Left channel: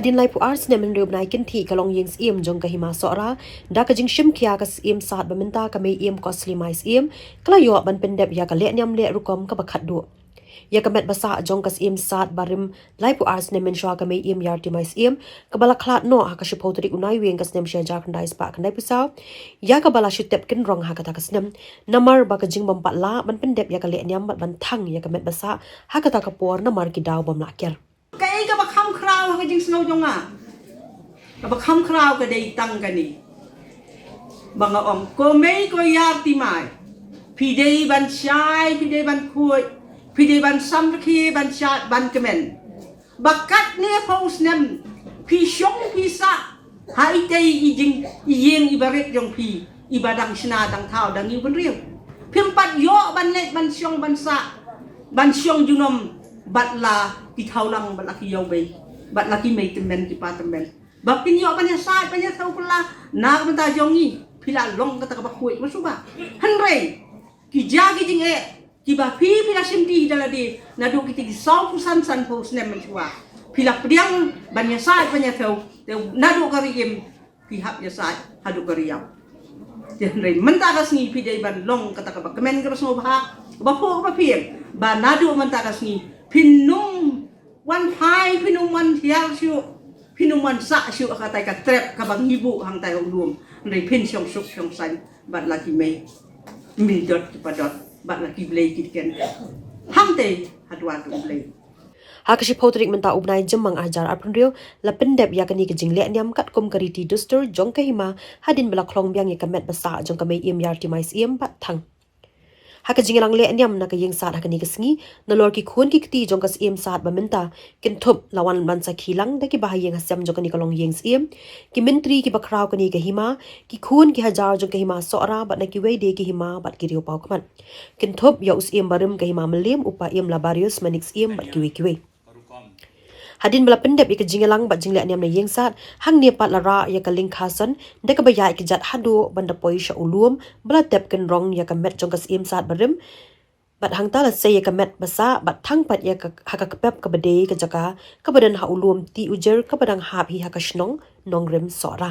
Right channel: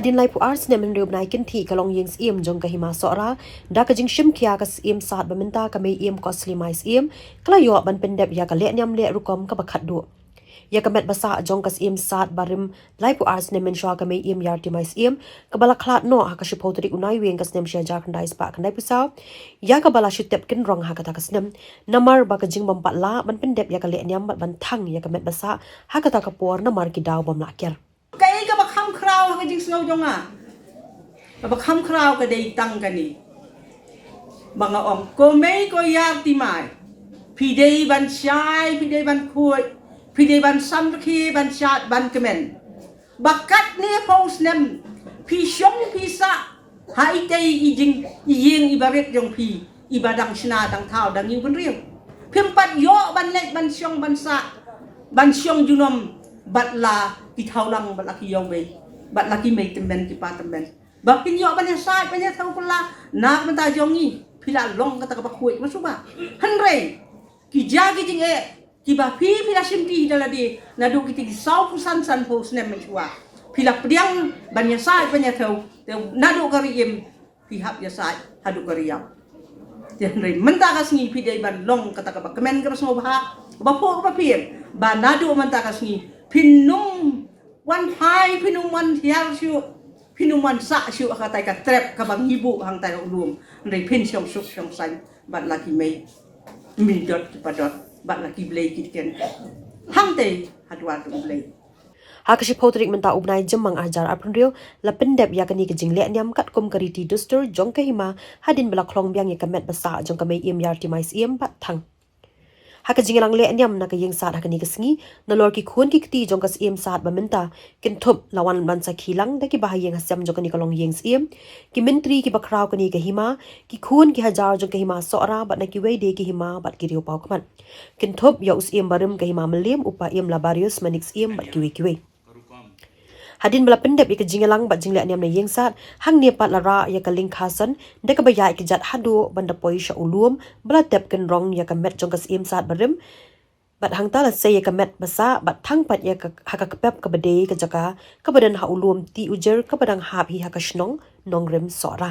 hadin lai pu ars ne men rub nai kin thi kalong yeng sim jong ka hima sora da ka jing shim khia ka sim sat baminta ka mei im costly mai sim kla yo ban pendep ya ka le nyam le rukom ka bakhat du ya ka met basa jong ka sim sat barim lai pu ars ne men shwa ka mei im yar ti mai sim ka bala khlat no ha ka shi photrik unai weng ka snem shia jak ndai spa ka nai pu sa ya ka bala shi tep kin rong ha ka ta ka snem namar ba ka jing bam pat la ban pendep ya ka le nyam ban thang ya ka met basa ha ka ta ka por namar ki daw bam la ker cái bậc kham khao cái chính snow trong bậc kham khao cái đây tăng cái này bằng ông cô mấy cô yar ti mai phi đây ban sai phi đây ban khui phi đây ban sam khi ban chat ban kemen bakat nia pos nem phi shong phi sa hai tay ijing iyeng ibaret jong phi ibadang sina dang thao dang yu ban riu phim pat yo ban let ban shong ban sa ban shong junom bat la ki thau lang bat la ki yong bei bat la ki mei temen ki pa temen ba pin yo ban ya sai ban ya thau pula na ban ta jong ni pila long kata ka ba khui ma su ba han rei ki ja ki jing e ki ba phi pila sim di dala di na du ki ti sau pu san san po snem ma su ba pila pdiang ban ya sai ban ya thau te na du ka ri em ki hap ya sai ha du ka ri ya te rei man ta ka sngi pi dei ban long kata ka ba kemen ka ba so ba ba po ka ba phi ba na du man ta ka sngi pinung wan hai pinung wan hiang siu pinung wan sa siu ka tai ka trap ka bang ibu hang tai luom rei pin siong suk siong san bat la ki mei mi dot padot bat la ki blei ki ken hang te hadwa tu blei Hakashi potrik menta ubnai jemang ajar aprendio la pendep ya kani kejing le nyam kat kom kariti duster jong ka hima hadin bela klong byang ya kamet basa jong ka mei im yar ti mais im bat thang haka jingelang le nyam na ka yeng sat haka ni kasngi na lor ki khun ki kti jong kas im sat baminta kin thup lawan ban sa khilang da ki bahayeng hasam jong ka long yeng sim ki mentri ki bakraw ka ni ka hima ki khun ki hajar jong ka hima sora bat na ki wei de ki hima bat ki riu pau kman kin thup ya us im barim ka hima melim upa im labarius manix im bat ki wei hadin bala pendep ya ka jingelang bat jingle nyam na yeng sat hang ne pat lara ya ka ling khasan de ka bayai ki jat hadu banda poi sha ulum bala tep ken rong ya ka met jong ka sim sat barim bat hang ta la se ya ka met basa bat thang pat ya ka haka ka pep ka bade ka jaka ka badan ha ulum ti ujer ka badang hap hi haka shnong nong rem sora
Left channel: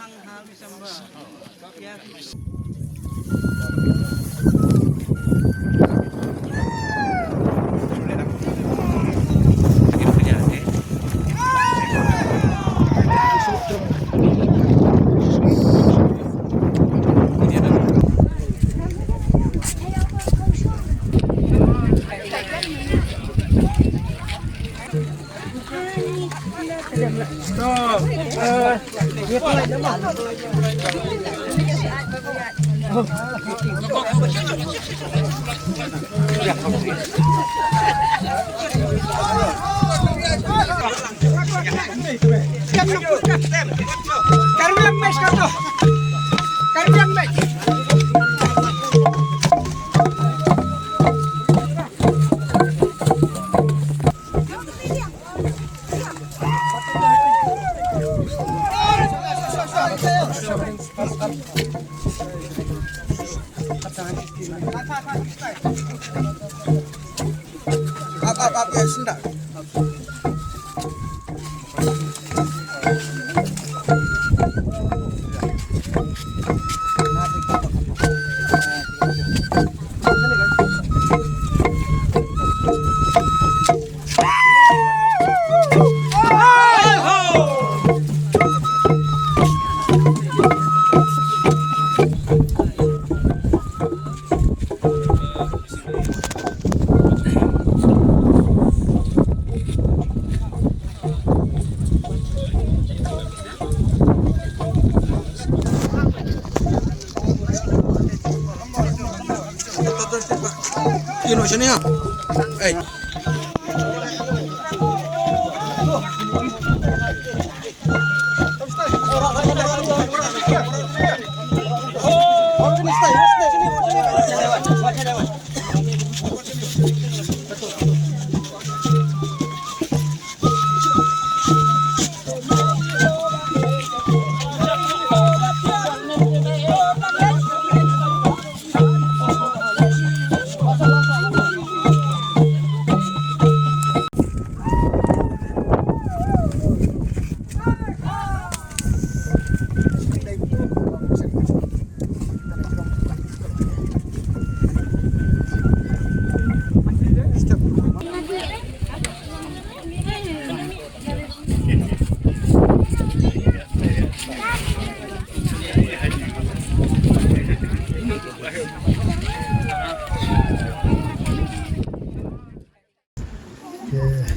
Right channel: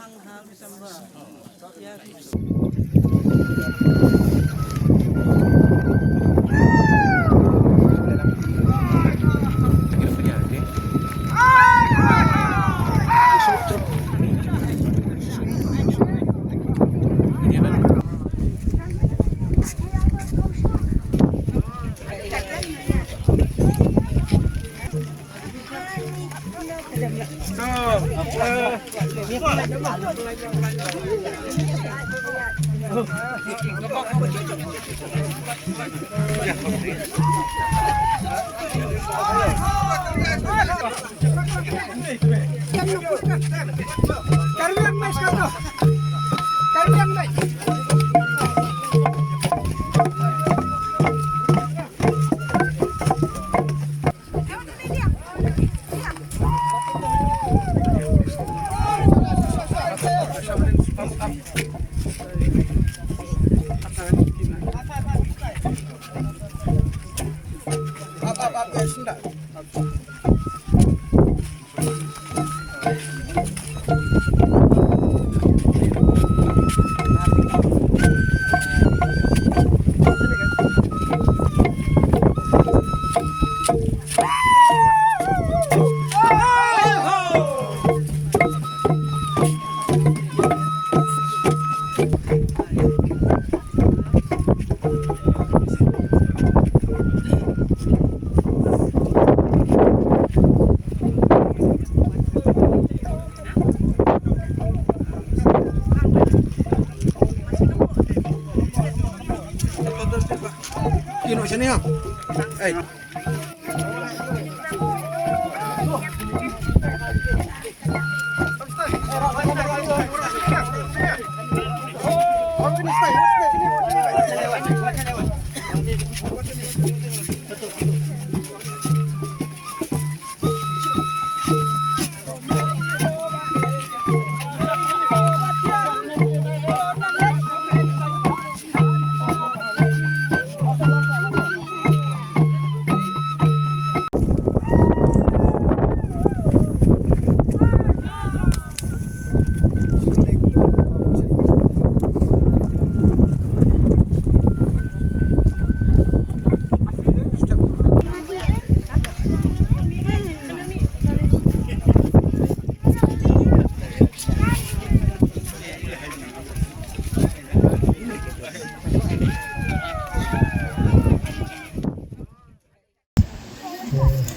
thăng hào December. Ya.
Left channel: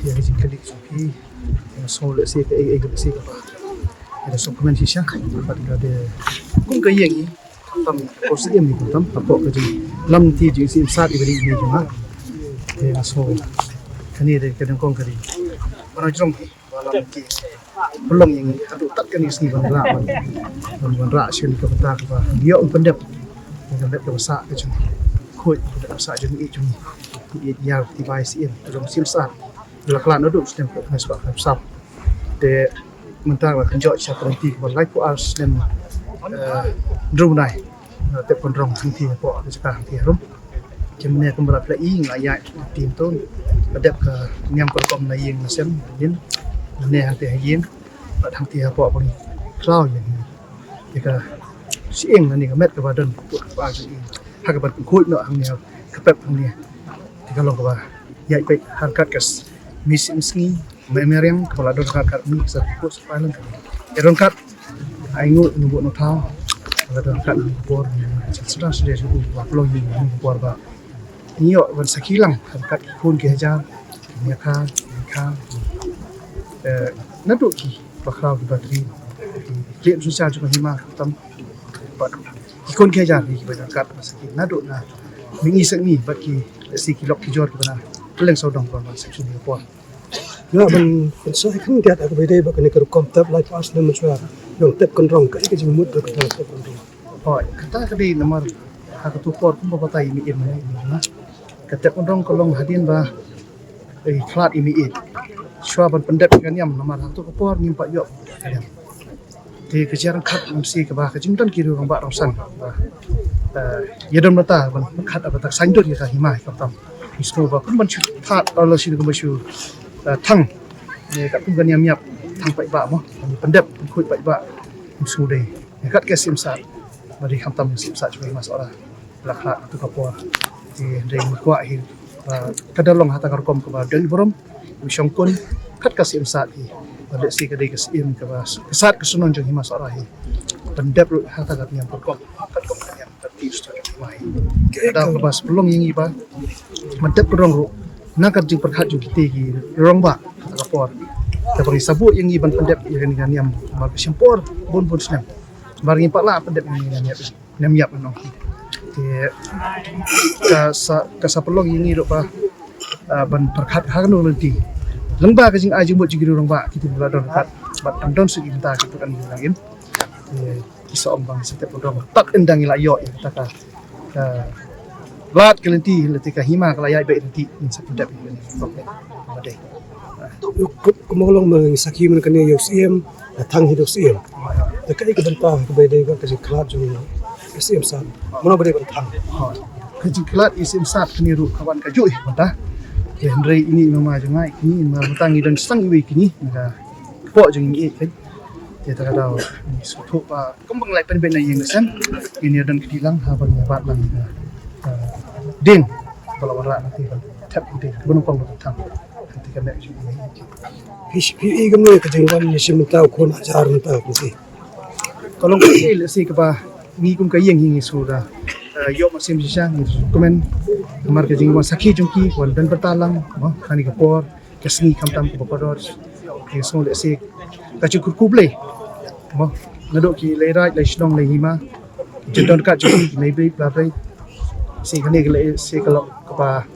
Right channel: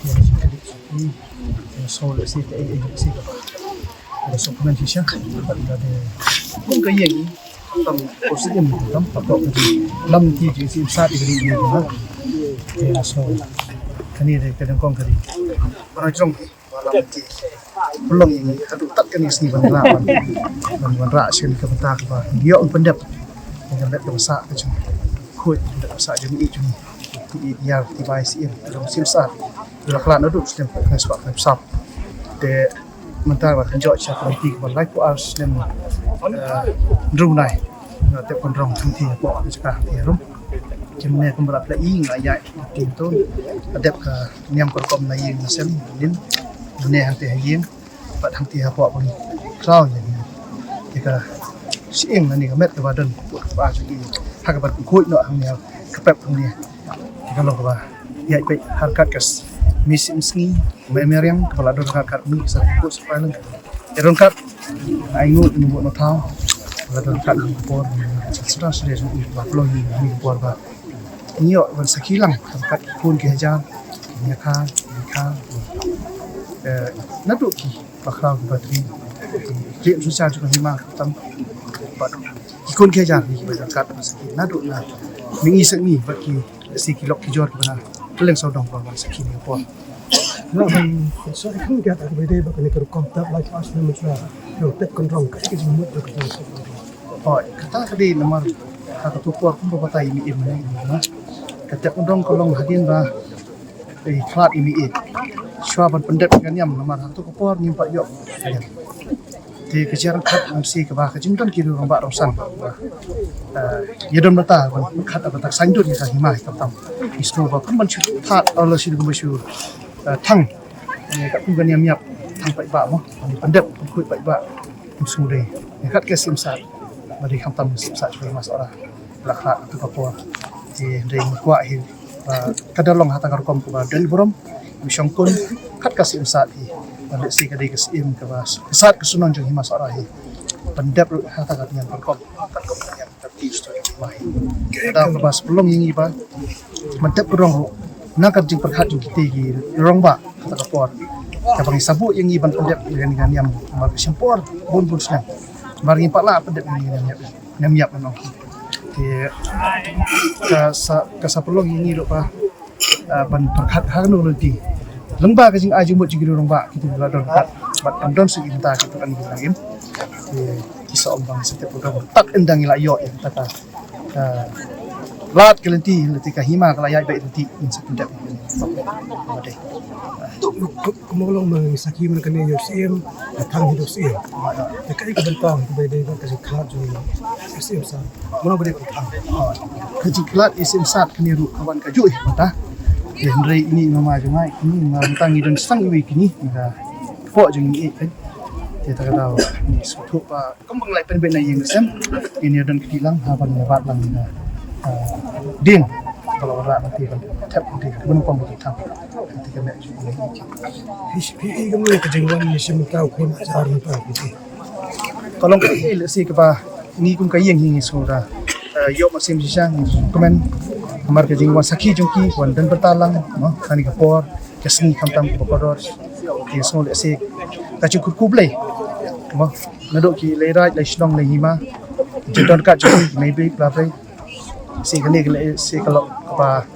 yang dikali yang solid sih ke agak sih apa ada suplemen siang dapat ada pun ke yang tam positif itu tam apa ke lam ti ji sim sat ibri ni ha ya so kani de kadang kong kari para jong malam ki belum yang hadu tat kan isi ban ra sekali ke bentak apa dia un pendap yang bet ke besar ke jong khoi ke besar jong i jong ya tibai sim belum sim sat bila kelan duduk stem ke sebab sap de mentang lah kenjot cha politik ban lai pu ars nem drunai te konrong thang thi po ke ka thi rum jemne kem berap la i ngaya tin ton adep ka niam korkom na yeng na sem nin ne hang te yeng ba thang thi po bang krau yang ke ka sieng na ni ka met ka badan put ba ju i ha ka ban khoi no hang ne ka pep hang ne ke ka long ka ba ya pe harkat kas misim sngi memeriang kepala dor kat mi saput sepailan eron kat aingut nubu no thau kepala dor kat por sudah sudah ba flow ni por ba nyo ban sakilang kat kun ke hajar nya kha nadu ki bakra batri klien susah juga hima tam ba kun ke hajar ki ba kat masaki nadu na mingi sakni ba ki si kilok ki jor ki bana keleng saudong ban sakini por nó mình số không đạt được về đây và cái này có công tập lại pas nên mình sẽ dùng tập con rong cái gì muốn được làm tốt hơn. Oi, kata kadi nomor hak tupor pun bapa imi in mana ini ha. Kata kondong kolong hadin ba klat imi it. Shwa ban pendet kan yam nomor hak tupor nyimpak yok ayam. Di kejaran khat ngamsi ke ba kejington kiri orang ba rong sang ba. Yadon mata ban khat apa tak sandut ya himai kaptam. Isno ba kun ban chut that Allah sini kun basu thang ni kat kun kan yam yap thang pai ba mo. Ni pendep kun khui pai ba. sudah dekat ke simsat bagi hamtam simsat juga mas ora belakang atau kapor di ring kuat hi kadalong hatang rekom ke dan borom wisong kun kat ka simsat hi balik si kadai ke sim ke bas kesat kesunon jong himas ora hi pendap hatang kat yang rekom kat kom yang tertib sto jong mai ada ke bas pelong yang iba mendap kerong ro nakat jing perhat jong kite hi rong ba hatang kapor kapang sabut yang iban pendap dengan yang mar sempor bun senang barang impaklah pendap yang nyam menong di kasa pelong ini dok pa ban perkat hang no lenti lengba ka jing ajung bot jigi rong ba kita bila don dekat bat don segi minta gitu kan hilang im di kisah ombang setiap program tak endang ila yo ya kata ka lat kelenti leti ka hima kala yai baik lenti in sapindap ini oke badai kumolong mengisaki mereka ni yang SIM datang hidup SIM. Dekat itu bentang kepada dia kerja kelat juga SIM sah. Mana boleh bertang. Kerja kelat SIM sah keniru kawan kaju mata. Henry ini mama jangai kini matangi dan sang iwi kini maka pok jeng ini kan. Dia tak tahu ni suatu pa kembang lai pen ben yang lesem ini dan kedilang apa ni bat lang ding kalau warak nanti ban tap nanti kebun pang bertang. Ketika mek ini HPI kemana kejenggan ni SIM tahu pun ajar tahu mesti. Kalau kau si kepa ni kum kayeng hingi sudah yok masih bisa ni komen kamar kejeng wan saki jongki wan dan bertalang mah kani kapor kesni kamtam ke bokodor ki so le si kacu kurkuble mah ngadok ki leirai lai shnong lai hima jendon kat jongki maybe plaplay si kani le si kalau kepa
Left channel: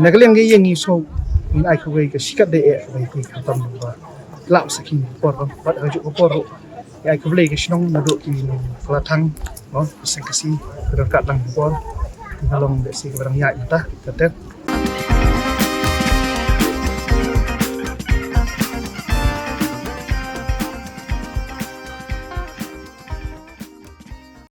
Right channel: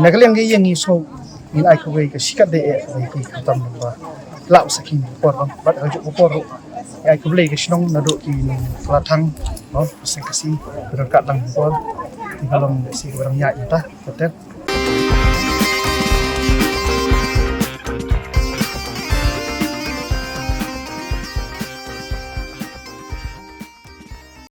nagaleng kayeng ni so in ai ko ke sikat de e ki kamtam ba lap saki kapor bang bat hajuk kapor ai ko le ke shnong ngadok ki nong kelatang mau sing kasi berkat lang kapor di kalong desi ke barang yai entah tetep